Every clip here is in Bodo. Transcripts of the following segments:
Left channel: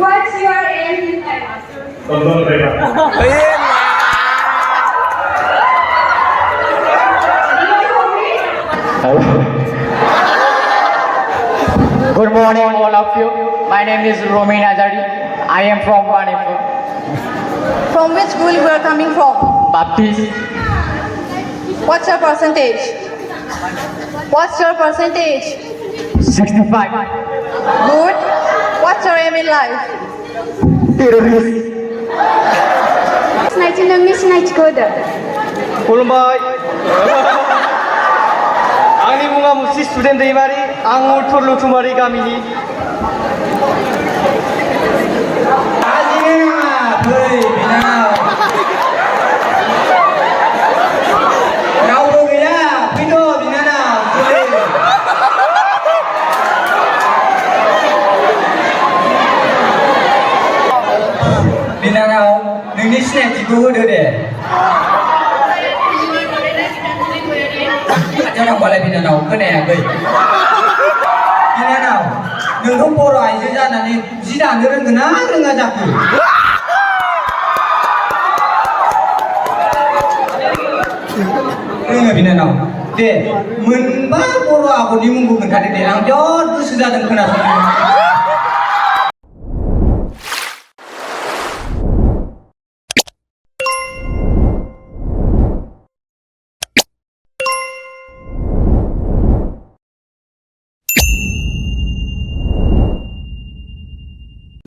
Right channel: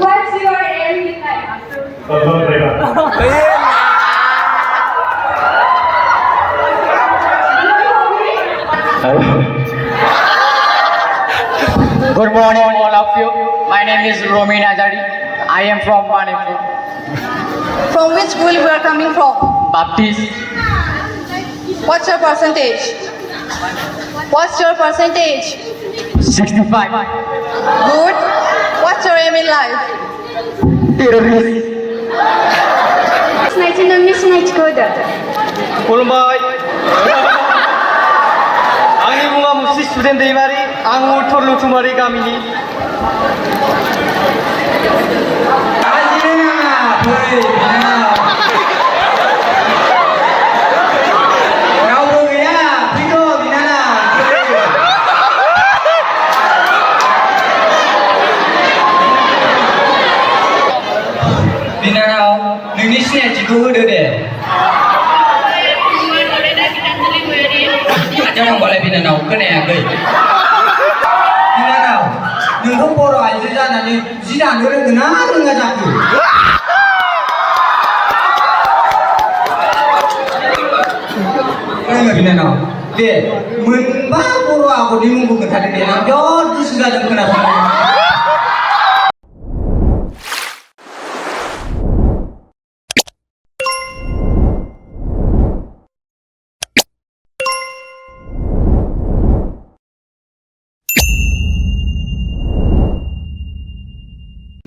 What's your aim in life? Good morning, all of you. My name is Romin Azari. I am from Manipur. From which school you are coming from? Baptist. What's your percentage? What's your percentage? 65. Good. What's your aim in life? Terrorist. Snatch. खुलुमबाय आंनि मुङा मुस्रि स्टुडेन्ट दैमारि आं उत्तर लुथुमारि गामिनि रावबो गैया फैद' बिनानाव बिनानाव नोंनि सिनायथिखौ होदो दे खाथियाव थांबालाय बिनानाव खोनायाखै बिनानाव नोंथ' बर' आइजो जानानै जि दानो रोंगोन ना रोङा जाखो रोङो बिनानाव दे मोनबा बर' आगरनि मुंखौ खोन्थादो दे आं बिराद गोसो जादों खोनासंनो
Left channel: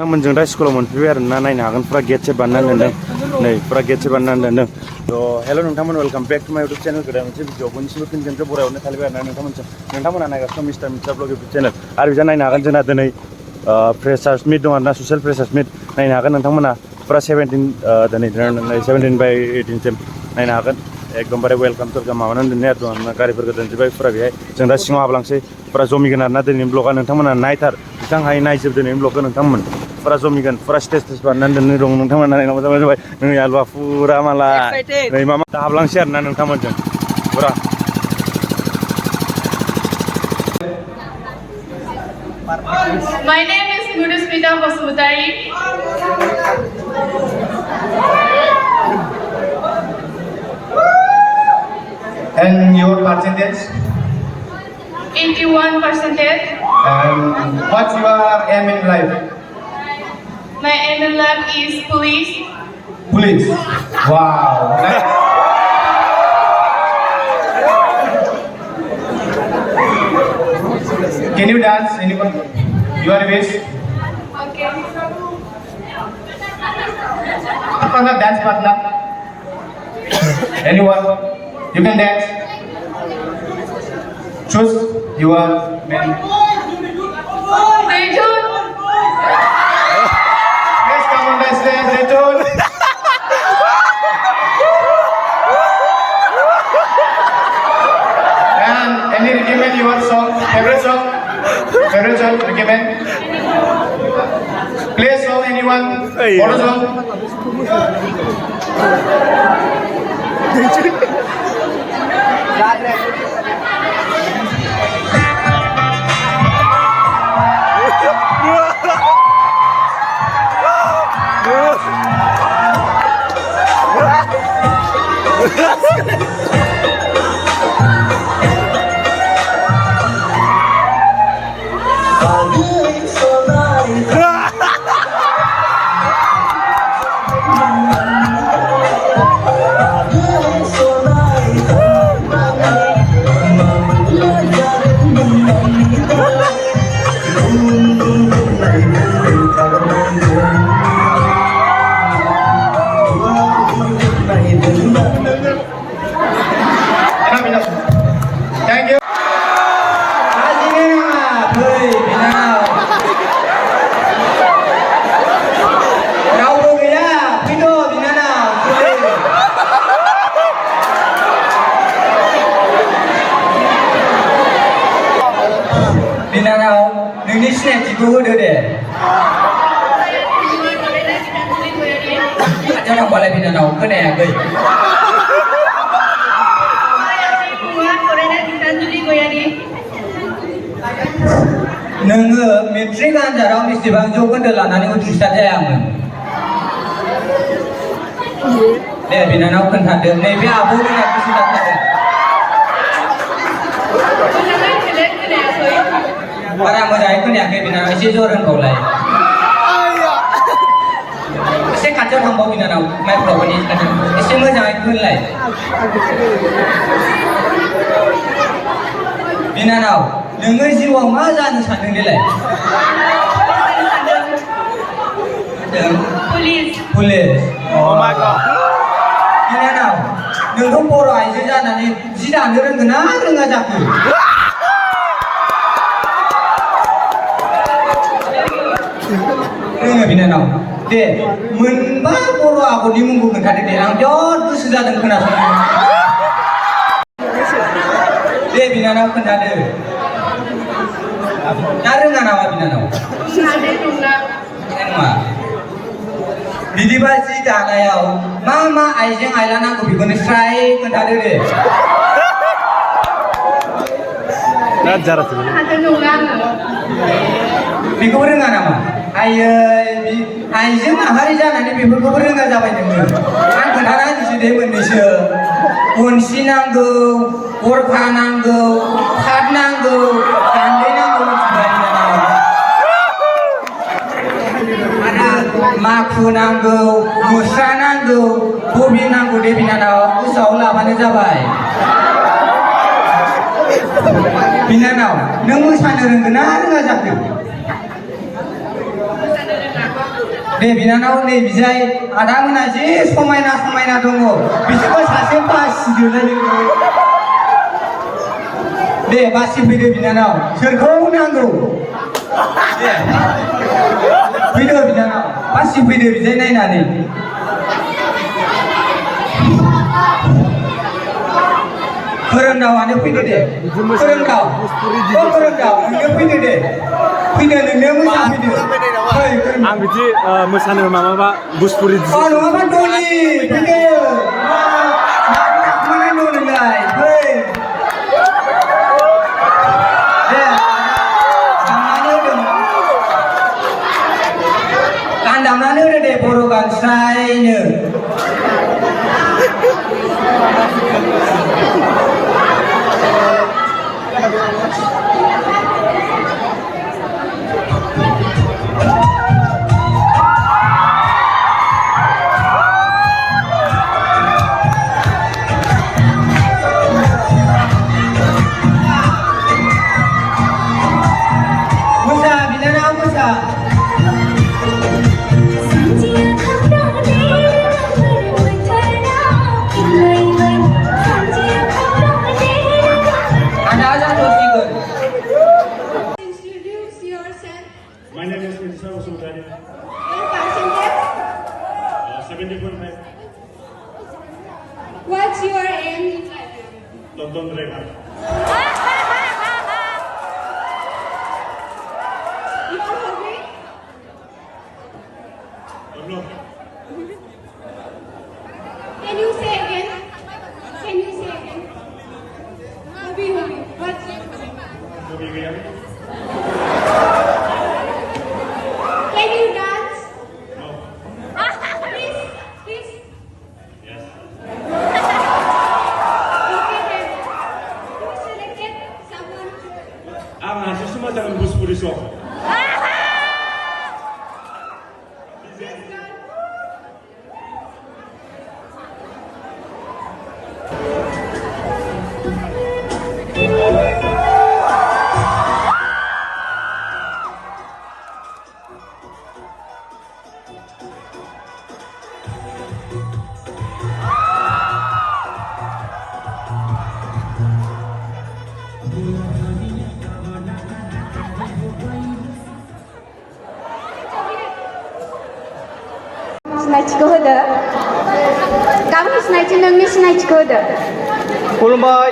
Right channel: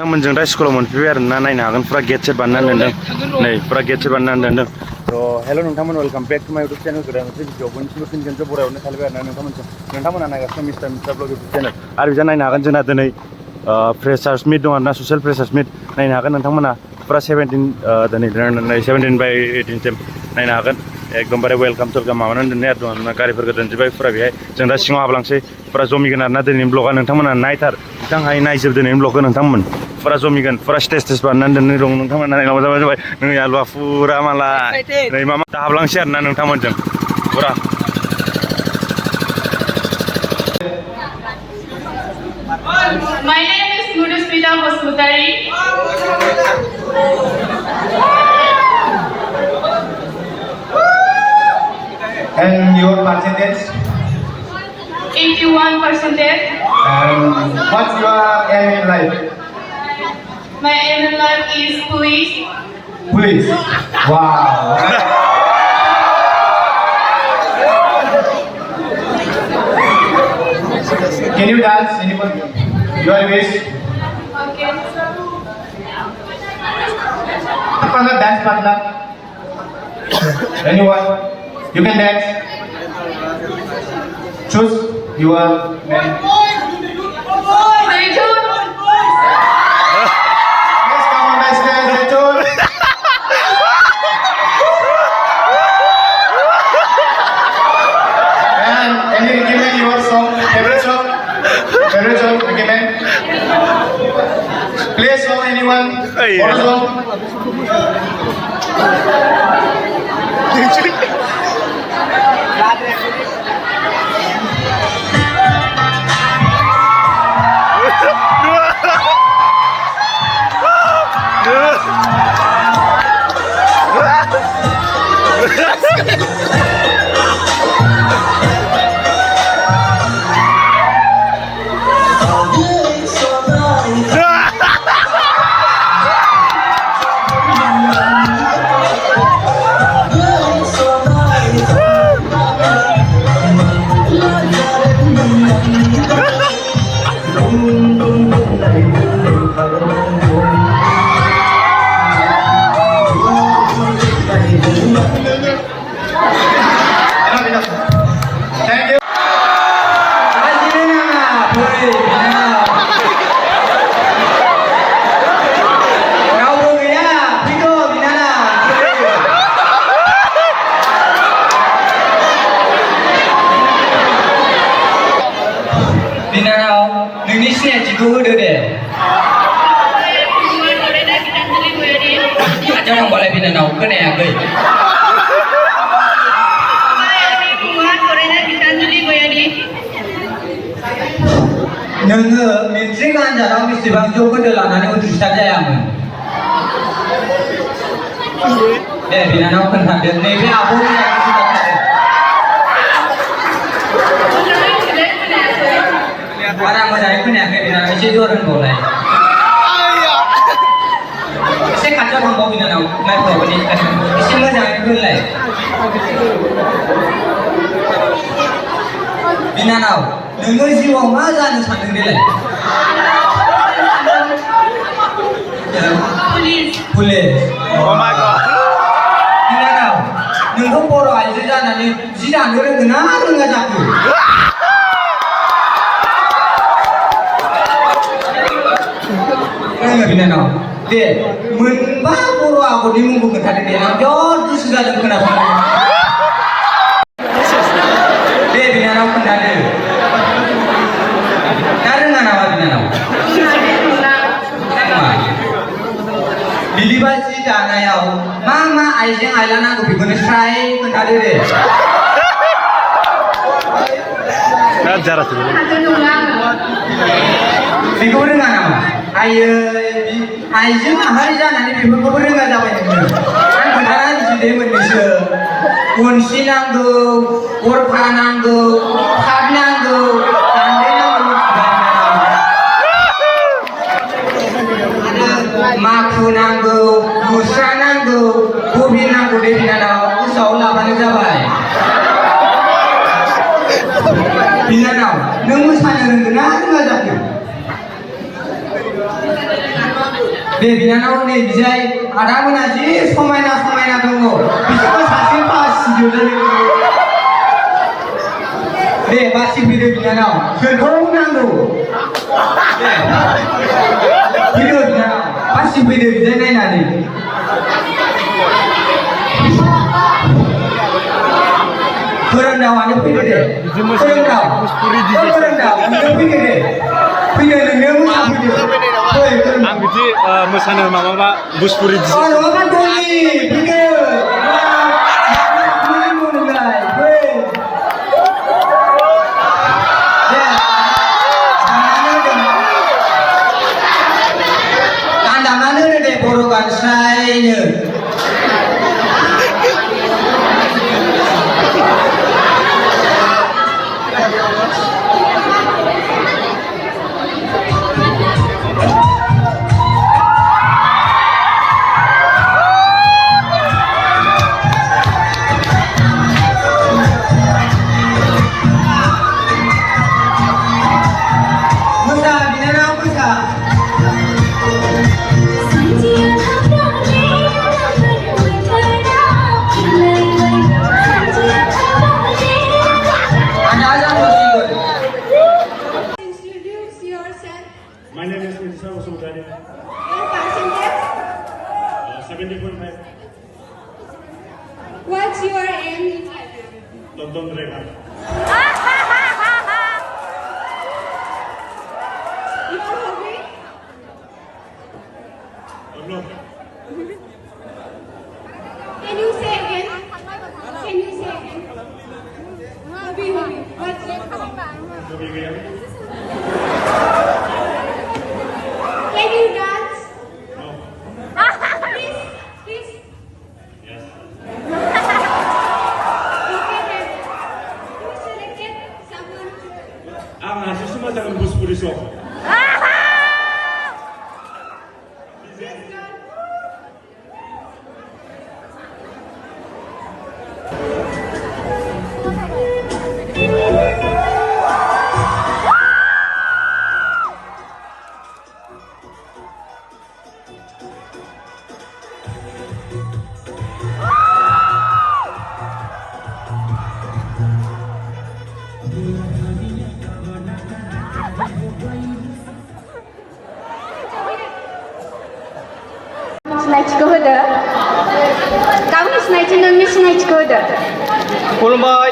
नोंथांमोनजों दा स्कुलाव मोनफैबाय आरो ना नायनो हागोन फुरा गेट सेट बानायनानै दोनदों नै फुरा गेट सेट बानायनानै दोनदों थ' हेल' नोंथांमोन वेलकाम बेक टु माय इउटुब चेनेल गोदान मोनसे भिडिअ बयनिसिमबो फिन खेबसे बरायहरनो थालायबाय आरो ना नोंथांमोना नायगासिनो मिस्टार ब्लग इउटुब चेनेल आरो बिजा नायनो हागोन जोंना दिनै फ्रेसार्स मिट दं आरोना ससियेल फ्रेसार्स मिट नायनो हागोन नोंथांमोना फुरा 17 बाय 18सिम नायनो हागोन एकदमबारे वेलकाम टुरकाम माबानानै दोननाय आरो दं गारिफोरखौ दोनजोब्बाय फुरा बेहाय जों दा सिङाव हाबलांसै फुरा जमिगोन आरोना दिनैनि ब्लगआ नोंथांमोना नायथार बिथांहाय नायजोब दिनैनि ब्लगखौ नोंथांमोन फुरा जमिगोन फुरा स्टेज बानायनानै दोननाय दं नोंथांमोना नायनांगौ जाबाय नै आलुवा फुरा मालाय नै मामा दा हाबलांसै आरोना नोंथांमोनजों फुरा My name is Nurusmita Basmutari. And your percentage 81%. and what's your aim in life My aim in life is police. Police. Wow. Can you dance? Anyone? You are wish. Okay. Partner, dance partner. Anyone? You can dance. Choose your man. Yes, come on, dance, Rachel. And any recommend your song, favorite song, recommend. Play a song, anyone? What song? Thank you. बिनानाव नोंनि सिनायथिखौ होदो दे खाथियाव थांबालाय बिनानाव खोनायाखै नोङो मेट्रिक आनजादाव बेसेबां जौखोन्दो लानानै उथ्रिसार बिनानाव खोन्थादो नैबे आब' होननाय गोसो जाथारो बारा मोजाङै खोनायाखै बिनानाव एसे जर होनबावलाय एसे खाथियाव थांबाव बिनानाव माइक्र'फननि एसे मोजाङै होनलाय बिनानाव नोङो जिउआव मा जानो सानदों देलाय पुलिस बिनानाव नोंखौ बर' आइजो जानानै जि दानो रोंगोन ना रोङा जाखो रोङो बिनानाव दे मोनबा बर' आगरनि मुंखौ खोन्थादो दे आं बिराद गोसो जादों खोनासंनो दे बिनानाव खोन्थादो ना रोङा नामा बिनानाव बिदिबा जि दानायाव मा मा आइजें आइला नांगौ बेखौनो स्राय खोन्थादो दे बेखौ रोङा नामा आयै आइजें माहारि जानानै बेफोरखौबो रोङा जाबाय नोङो आं खोन्थाना होनोसै दे मोननैसो गनसि नांगौ गरखा नांगौ थाद नांगौ गान्दै नांगौ आरो माखु नांगौ मुस्रा नांगौ बबिन नांगौ दे बिनानाव गोसोआव लाबानो जाबाय बिनानाव नों मोसानो रोंगोन ना रोङा जाखो दे बिनानाव नै बिजाय आदा मोना जि समायना समायना दङ बिसोरबो सासे बासिदो दे बासिफैदो बिनानाव सोरखौ नांगौ दे फैदो बिनानाव बासिफैदो बिजाय नायनानै फोरोंदावानो फैदो दे फोरोंदाव नों फैदो दे फैदो नोंनो मोसाफैदो आं बिदि मोसानो माबा बुसपुरि नङाबा दलि फैदो गान दामनानै होदो दे बर' गान स्रायनो My name is Mr. Sudhari. Percentage? 70.5. What's your aim? Tonton driver. Your hobby? No. Can you say again? Hobby. What's your hobby? Can you dance? No. Please? Yes. Okay then. You selected someone. Ang nasa sumatang buspuri song. Yes, girl. सिनायथिखौ होदो गावनि सिनायथि नोंनि सिनायथिखौ होदो खुलुमबाय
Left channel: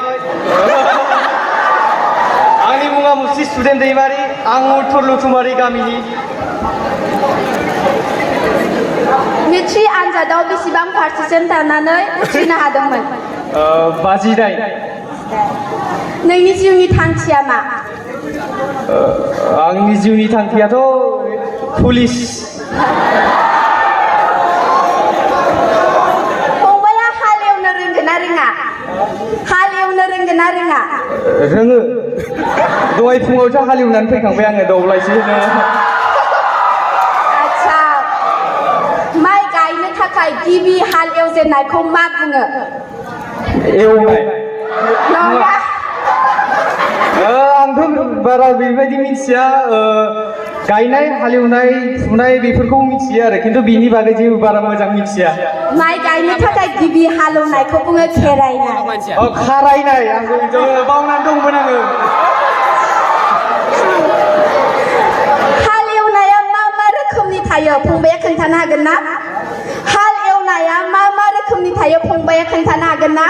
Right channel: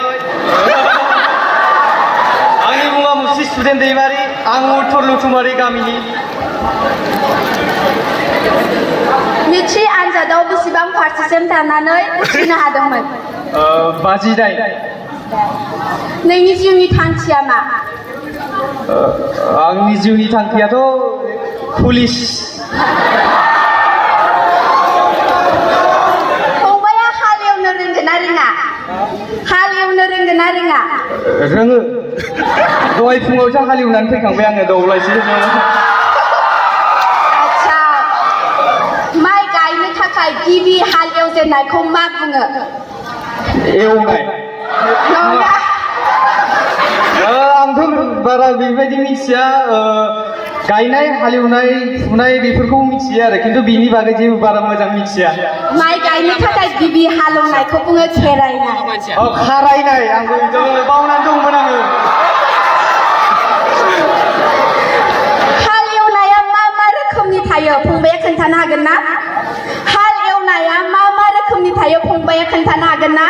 आंनि मुङा मुस्रि स्टुडेन्ट दैमारि आं उत्तर लुथुमारि गामिनि मेट्रिक आनजादाव बेसेबां पारसेन्ट थानानै उथ्रिनो हादोंमोन 59 नोंनि जिउनि थांखिया मा आंनि जिउनि थांखियाथ' पुलिस फंबाया खनसेल'सो हालेवनानै फैखांबाय आङो दब्लायसे आच्छा माइ गायनो थाखाय गिबि हाल एवजेननायखौ मा बुङो एवनाय नङा आंथ' बारा बेबायदि मिथिया गायनाय हालेवनाय फुनाय बेफोरखौ मिथियो आरो खिन्थु बिनि बागै जेबो बारा मोजां मिथिया माइ गायनो थाखाय गिबि हालेवनायखौ बुङो खेरायनाय खारायनाय आंबो बिदिनो बावनानै दंमोन आङो हाल एवनाया मा मा रोखोमनि थायो फंबाया खोन्थानो हागोन ना हाल एवनाया मा मा रोखोमनि थायो फंबाया खोन्थानो हागोन ना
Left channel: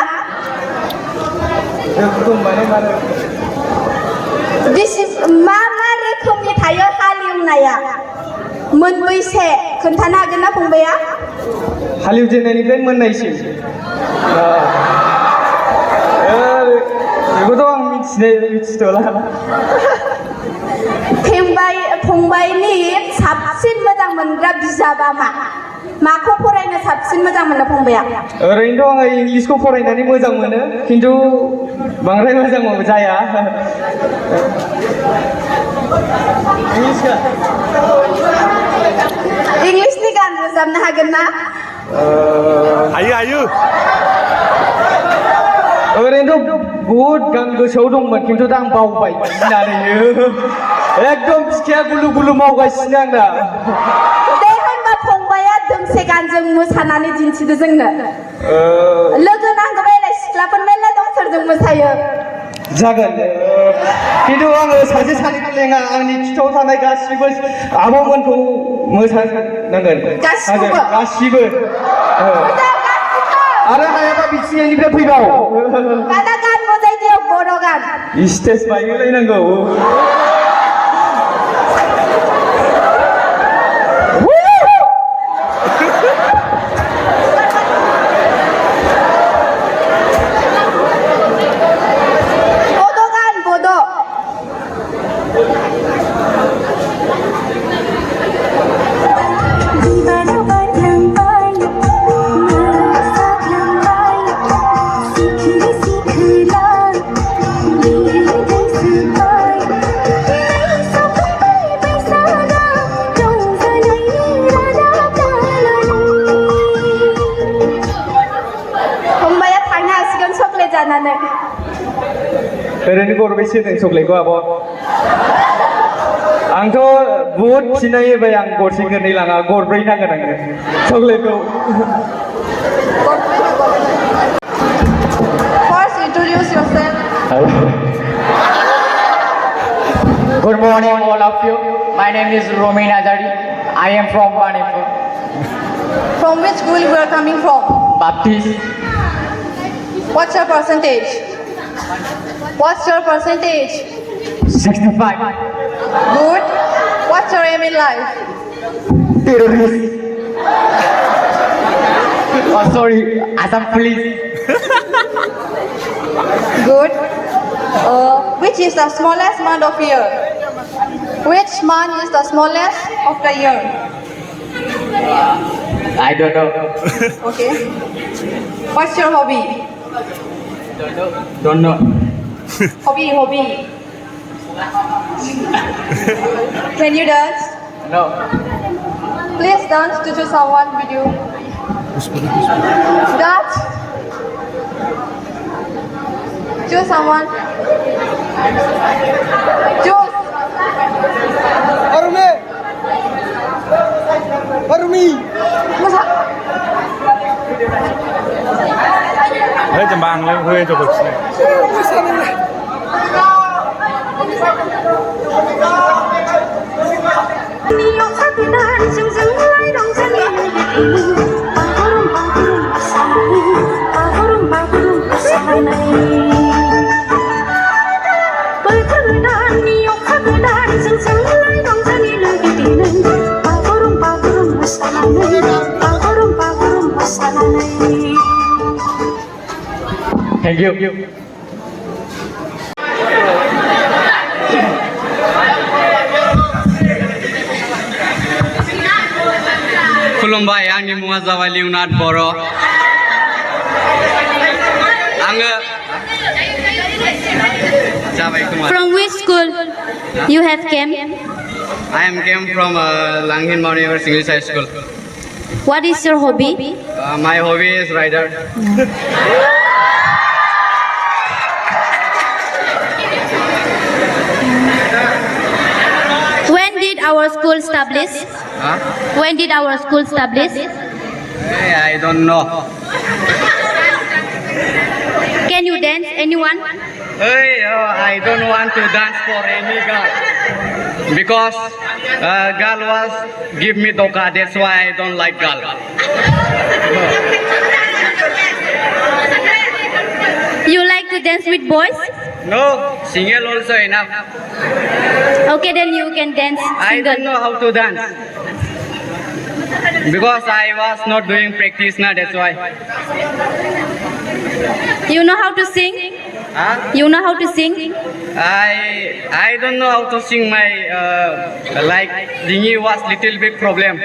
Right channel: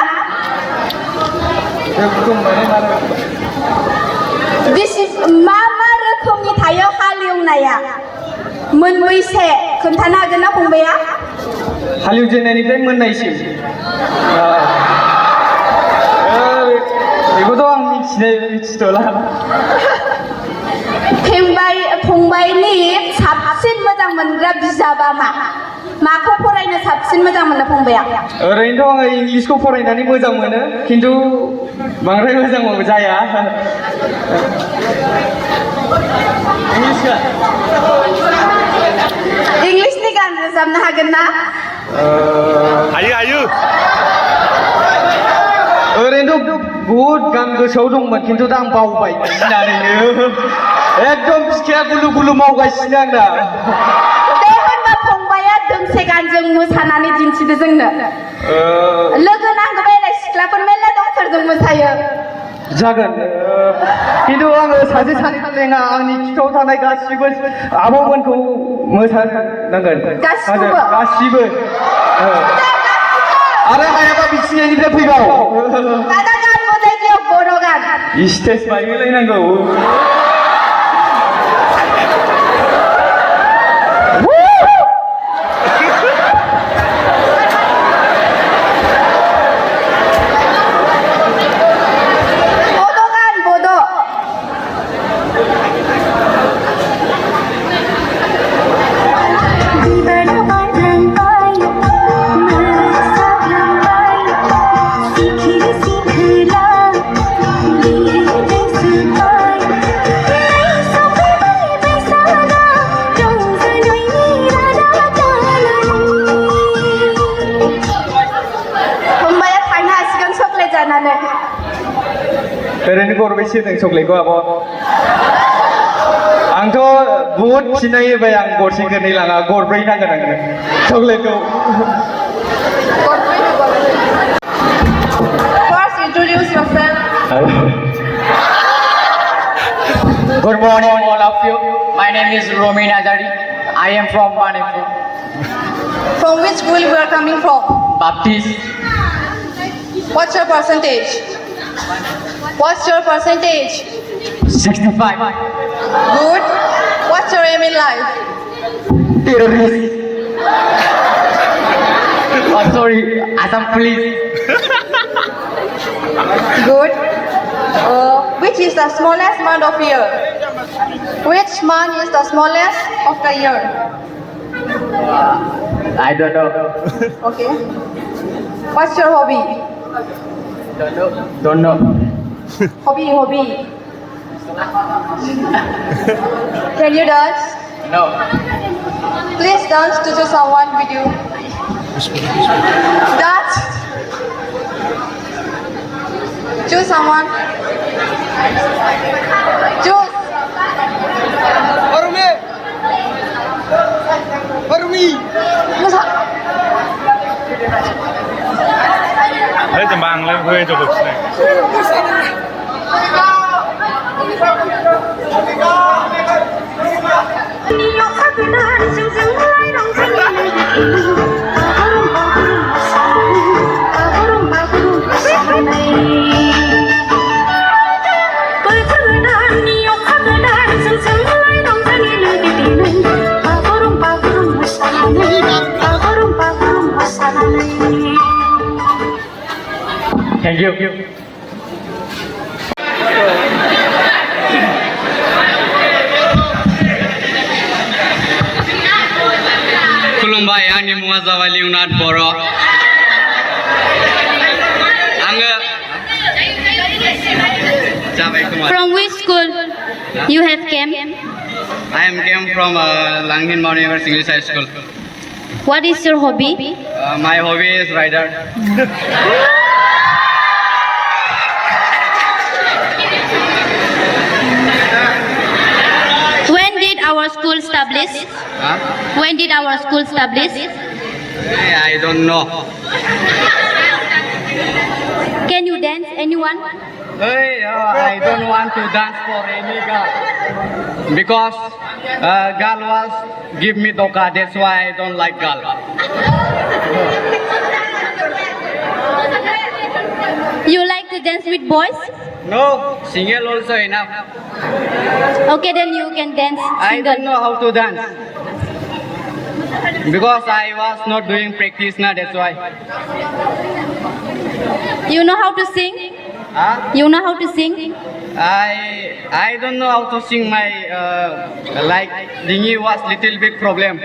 मा मा रोखोमनि थायो हाल एवनाया मोनबैसे खोन्थानो हागोन ना फंबाया हालेवजेननायनिफ्राय मोननायसिम बेखौथ' आं मिथिथ'ला फंबायनि साबसिन मोजां मोनग्रा बिजाबा माखौ फरायनो साबसिन मोजां मोनो फंबाया ओरैनोथ' आङो इंलिसखौ फरायनानै मोजां मोनो खिन्थु बांद्राय मोजां जाया इंलिसनि गान रोजाबनो हागोन ना हायो ओरैनोथ' बहुद गान गोसोआव दंमोन खिन्थु दा आं बावबाय गिनानैनो एकदम बिखाया गुलु गुलु मावगासिनो आंना दे होनबा फंबाया दोंसे गानजों मोसानानै दिन्थिदो जोंनो लोगो नांगौ बेलाय सिख्लाफोर मेरला दं सोरजों मोसायो जागोन खिन्थु आङो सासे सानैखौ लेङा आंनि खिथाव थानाय गासिबो आब'मोनखौ मोसानांगोन गासिबो आरो हायाबा बिथिंनिफ्राय फैबाव दादा गान मोजाङै बर' गान स्टेज बानायलायनांगौ ओरैनो गरबैसे होदों चक्लेटखौ आब' आंथ' बहुद खिनाय होबाय आं गरसे गरनै लाङा गरब्रै नांगोन आंनो चक्लेटखौ First, introduce yourself. Good morning all of you. My name is Romin Azari. I am from Manipur. From which school you are coming from? Baptist. What's your percentage? What's your percentage? 65. Good. What's your aim in life? Terrorist. Oh, sorry. Assam police. Good. Which is the smallest month of year? Which month is the smallest of the year? I don't know. Okay. What's your hobby? Don't know. Hobby. Can you dance? No. Please dance to choose someone with you. Dance. Choose someone. Choose. Musa. Đấy tầm bang lên hơi cho bực này. Thank you. खुलुमबाय आंनि मुङा जाबाय लिउनाद बर' आङो जाबाय खोमा From which school? You have came. I am came from Langhin Mount Everest English High School. What is your hobby? My hobby is rider. When did our school establish? Huh? When did our school establish? I don't know. Can you dance? Anyone? Hey, I don't want to dance for any girl because girl was give me doka. That's why I don't like girl. You like to dance with boys? No, single also enough. Okay, then you can dance I don't single. know how to dance because I was not doing practice now. That's why. You know how to sing? Huh? You know how to sing? I don't know how to sing. My like dingy was little bit problem.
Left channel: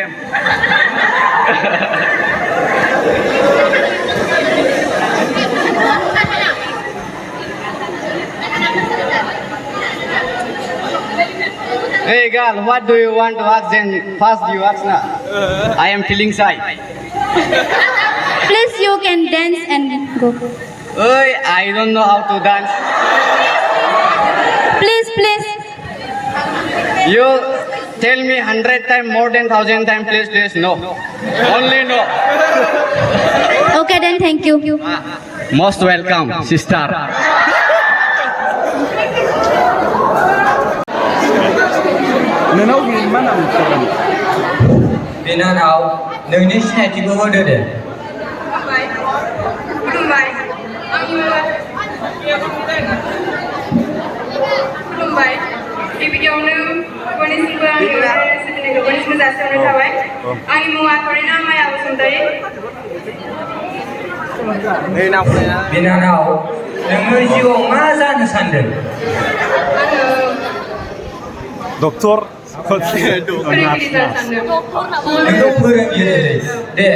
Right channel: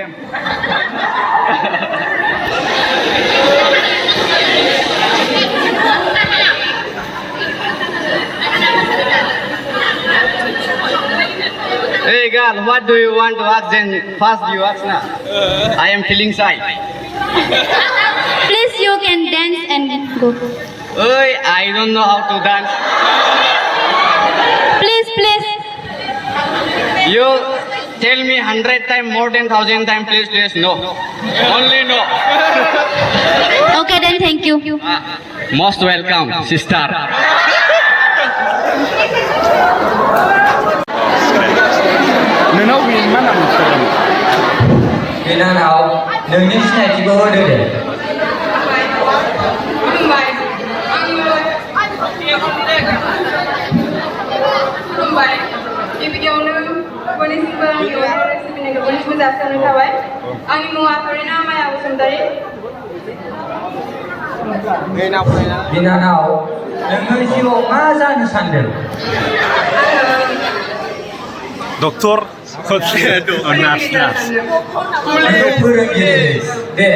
Hey girl, what do you want to ask? Then first you ask now. I am feeling shy. Please, you can dance and go. Hey, I don't know how to dance. Please, please. You tell me 100 times more than 1,000 times, please, please, no. Only no. Okay, then thank you. Most welcome, sister. नोंनाव बे मा नाम Instagram? बिनानाव नोंनि सिनायथिखौ होदो दे खुलुमबाय गिबियावनो बयनिसिमबो आंनि सिबिनायखौ बयनिसिमबो जासिहरनाय थाबाय आंनि मुङा फरिना माया बसुमतारी बिनानाव नोङो जिउआव मा जानो सानदों Dokter. नार्स नोङो फोरोंगिरि दे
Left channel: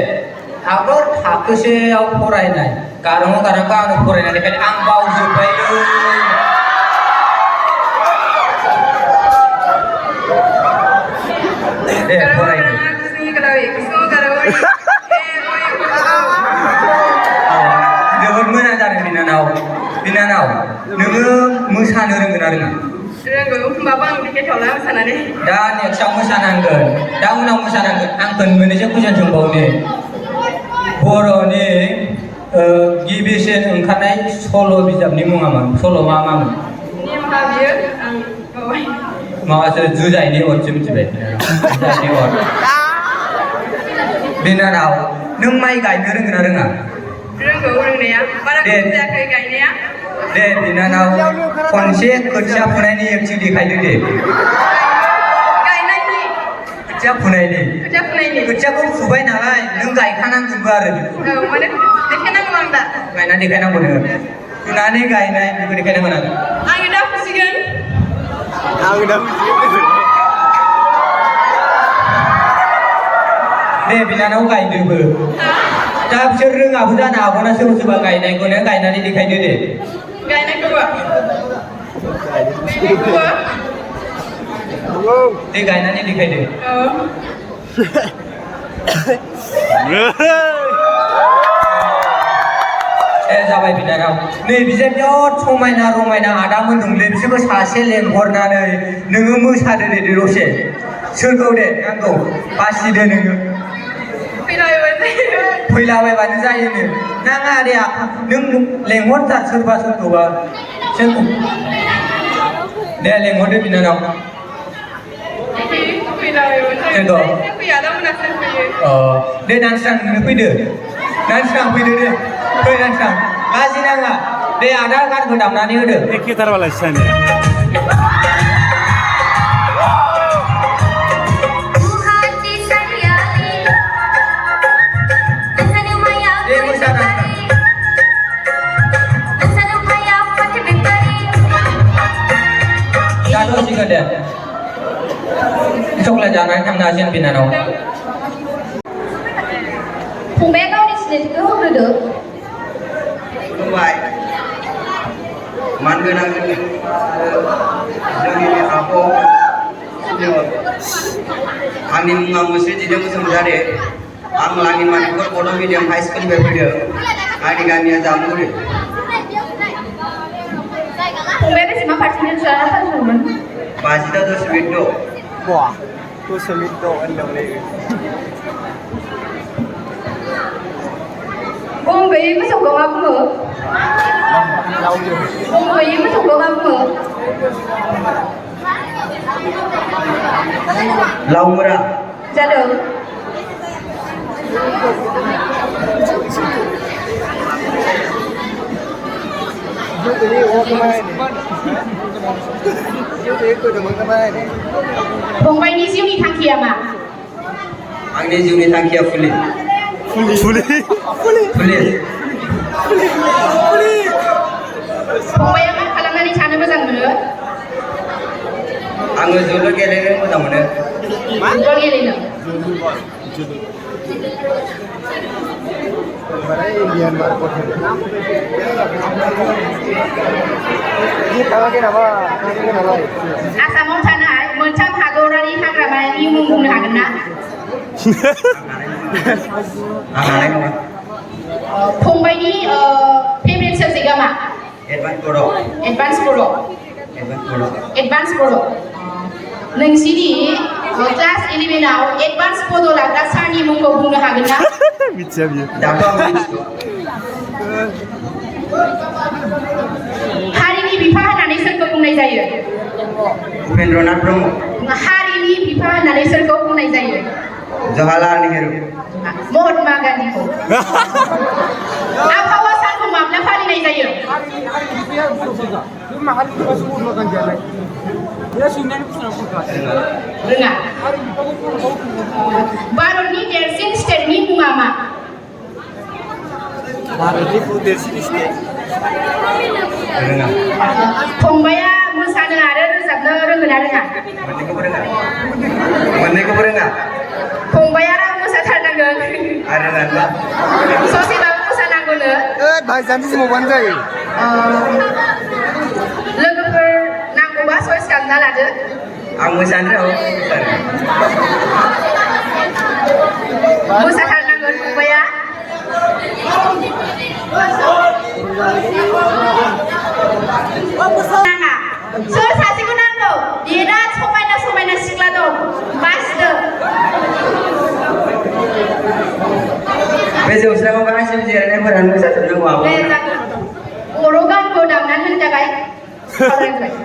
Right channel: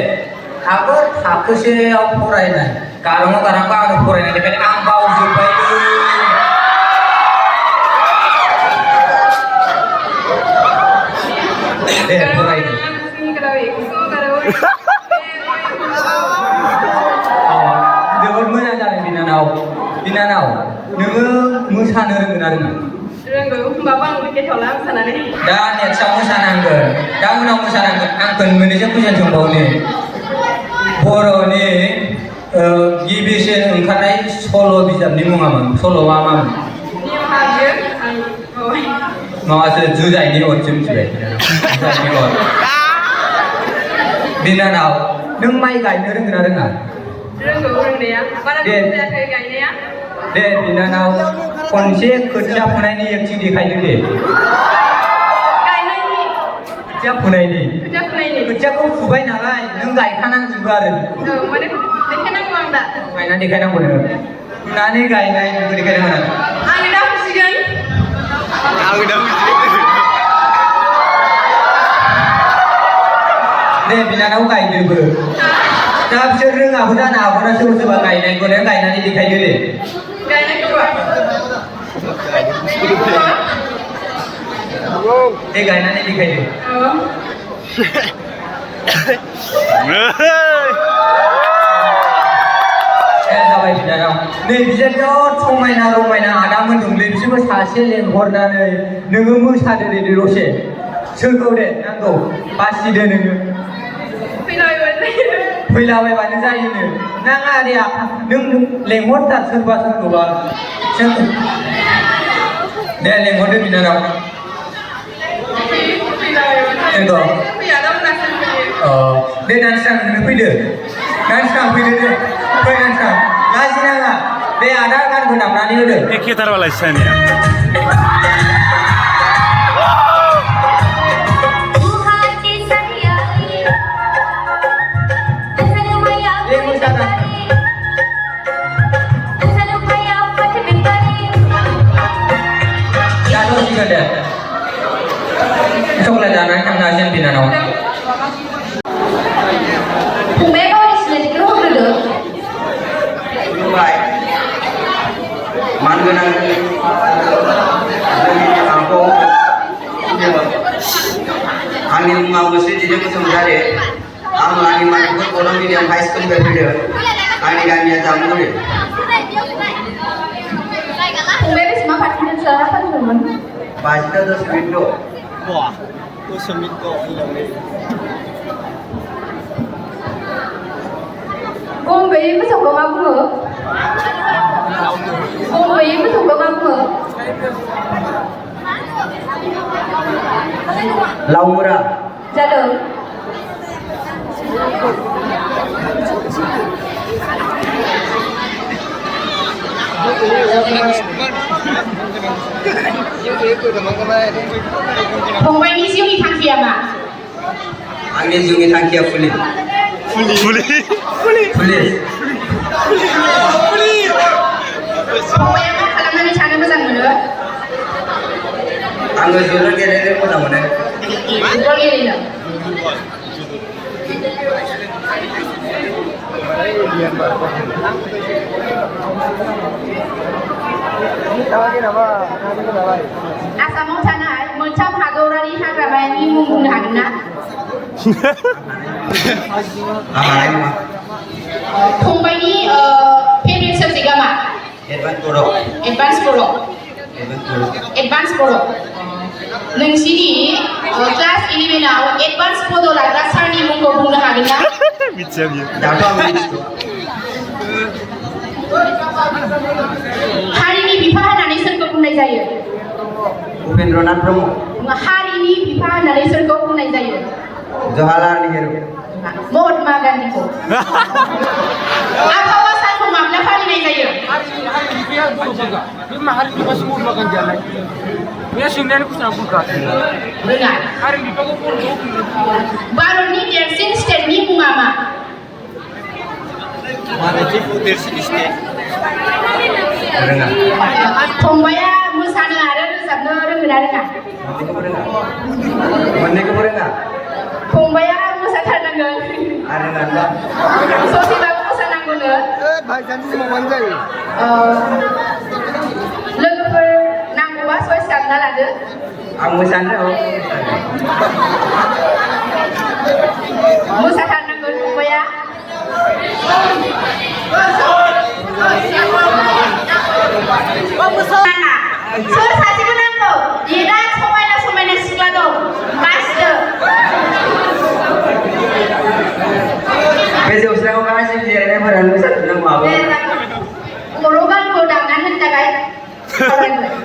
आंबो थाखोसेयाव फरायनाय गाराङाव गारांखौ आङो फरायनायनिफ्रायनो आं बावजोब्बायलै दे फरायदो जोबोद मोजां जादों बिनानाव नोङो मोसानो रोंगोन ना रोङा रोंगौ होमबाबो आं टिकेटावला मोसानानै दा नेक्स्टआव मोसानांगोन दा उनाव मोसानांगोन आंखौ मोननैसो कुइसन सोंबावनो बर'नि गिबिसिन ओंखारनाय सल' बिजाबनि मुङा मा सल'आ मामोन निमा बियो आं बावबाय माबासो जुजाइनि अरसो मिथिबाय जुजाइनि अर बिनानाव नों माइ गायनो रोंगोन ना रोङा रोंगौ रोंनाया बारा दे। जायाखै गायनाया दे बिनानाव खनसे खोथिया फुनायनि एक्टिं देखायदो दे गायनायनि खोथिया फुनायनि खोथिया फुनायनि खोथियाखौ फुबाय नालाय नों गायखानांगोनबो आरो बेखौ औ माने देखायनांगौ आं दा गायनानै देखायनांगौ नोङो फुनानै गायनाय बेखौ देखायनांगोन आं दा फुसिगोन दे बिनानाव गायदोबो दा बिसोर रोङाबो जानो हागौना सोरबा सोरबा गायनायखौनो गायनानै देखायदो दे गायनायखौबो दे गायनानै देखायदो औ जाबाय बिनानाव नै बिसोर बिराद समायना रमायना आदामोन दंलै बिसोरखौ सासे लेंहरनानै नोङो मोसादो दे दसे सोरखौ दे नांगौ बासिदो नोङो फैलाबायबानो जायोनो नाङा दे नों लेंहरथार सोरबा सोरखौबा दे लेंहरदो बिनानाव दे नानस्रां नोंनो फैदो नानस्रां फैदो दे फै नानस्रां लाजि नाङा दे आदा गानखौ दामनानै होदो एखे थारबालाय सानिया दे मोसानां जाथ'सिगोन दे चक्लेट जानानै थांनो हासिगोन बिनानाव फंबाया गावनि सिनायथिखौ होग्रोदो खुलुमबाय मानगोनां Didik Kusumgare. Ang ani Manipur Kono Medium High School Berpikir. Ani kami Jamuri. फंबाया बेसेबां पार्सेन्टेज जानांगौमोन Pasita dos Pinto. Wah, itu semito. फंबाया मोसौखौ मा बुङो फंबाया मोसौखौ मा बुङो Laura. जादों फंबायनि जिउनि थांखिया मा Angin Juni Tangkia Fuli. Boleh. Fuli. फंबाया मा खालामनानै थानो मोजां मोनो Angin Juni Gelere Muda Mune. Football गेलेनो आसामाव थानाय मोनथाम हादरारि हाग्रामानि मुं बुंनो हागोन ना फंबायनि फेभरेट साबजेक्टआ मा Edwan Koro. एडभान्स बर' Edwan Koro. एडभान्स बर' नोंसिनि क्लास 11आव एडभान्स बड' लाग्रा सारनि मुंखौ बुंनो हागोन ना Dato Amin. हारिनि बिफा होननानै सोरखौ बुंनाय जायो Upendranath Bromo. हारिनि बिफा होननानै सोरखौ बुंनाय जायो Jawaharlal Nehru. महात्मा गान्धीखौ आबहावा सानखौ माब्ला फालिनाय जायो रोङा भारतनि देरसिन स्टेटनि मुङा मा Renang. फंबाया मोसानो आरो रोजाबनो रोंगोन ना रोङा Meneko berenang. फंबाया मोसाथारनांगोन Ada nanda. ससेबाबो मोसानांगौनो लोगोफोर नांगौबा चइस खालामना लादो Ang Sandra. मोसाथारनांगोन फंबाया सोर सासेखौ नांगौ बिराद समायना समायना सिख्ला दं बासिदो Bे जौस्राङाव गासैबो जिरायनायफोरानो मोसाथारनांगौ आब'। बर' गानखौ दामनानै होनो थाखाय खावलायबाय